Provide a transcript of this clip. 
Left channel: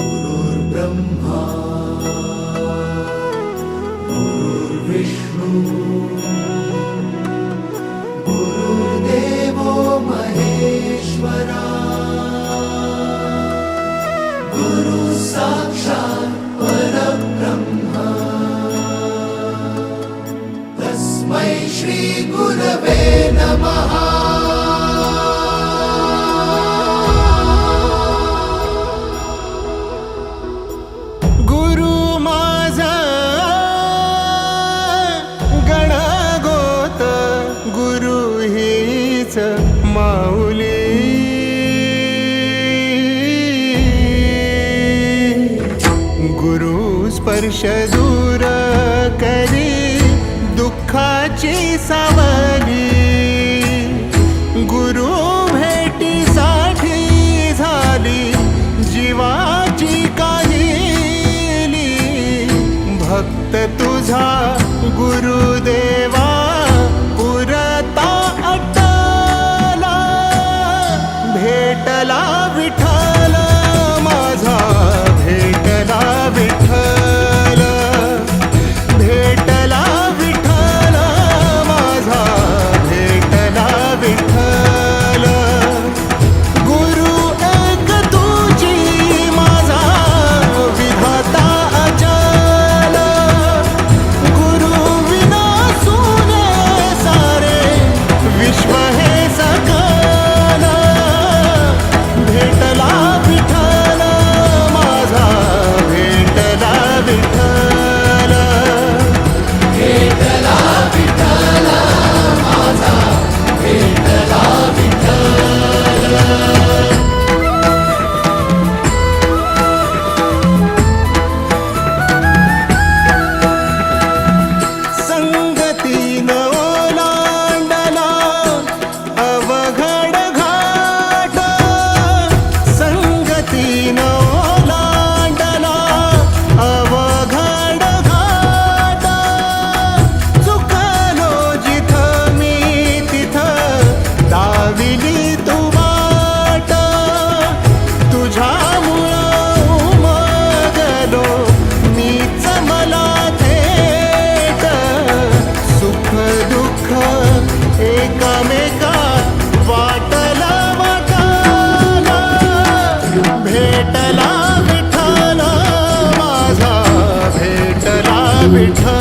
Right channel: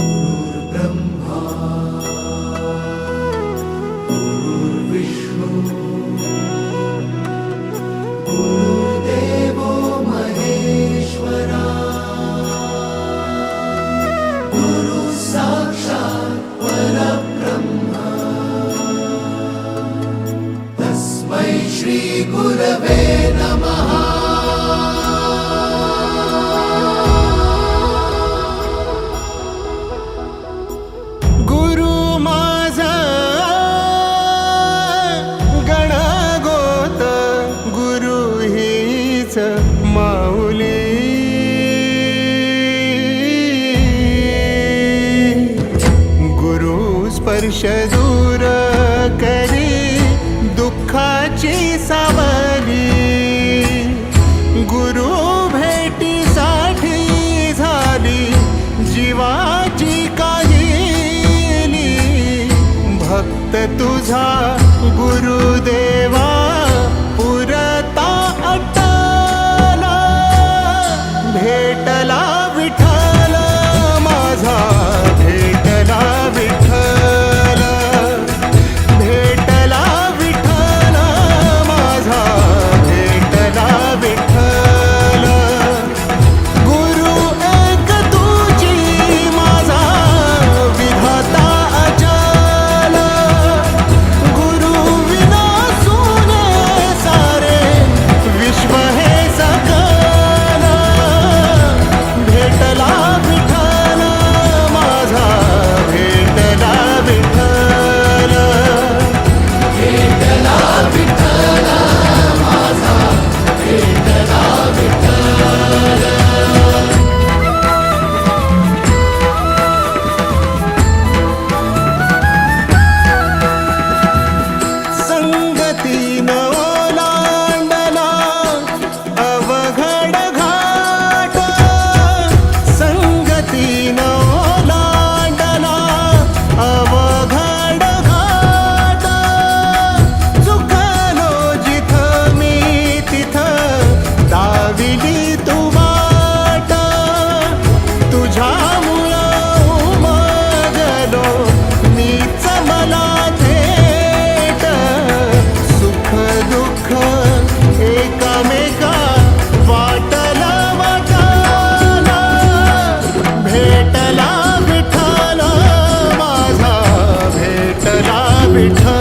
गुरुर्ब्रह्मा गुरुर्विष्णू गुरुर्देवो महेश्वरा गुरु साक्षात् परब्रह्म तस्मै श्री गुरवे नमः। माऊली गुरु स्पर्श दूर करी दुःखाची सावली गुरु भेटीसाठी झाली जीवाची काहिली भक्त तुझा गुरुदेवा पुरता भेटला विठ्ठल माझा भेटला विठ्ठल भेटला विठ्ठल माझा भेटला विठ्ठल गुरु एक तुझी माझा विधाता अचल गुरु विना सुने सारे विश्व हे सकल भेटला विठ्ठल माझा भेटला विठ्ठल भेटला विठ्ठल माझा भेटला विठ्ठल। संगतीन ओलांडला अवघड घाट संगतीन ओलांडला अवघड घाट चुकलो जिथं मी तिथं दाविली तू वाट तुझ्यामुळं उमगलो मीच मला थेट सुख दुःख एकामेका वाटला वाटाला भेटला विठ्ठल माझा भेटला विठ्ठल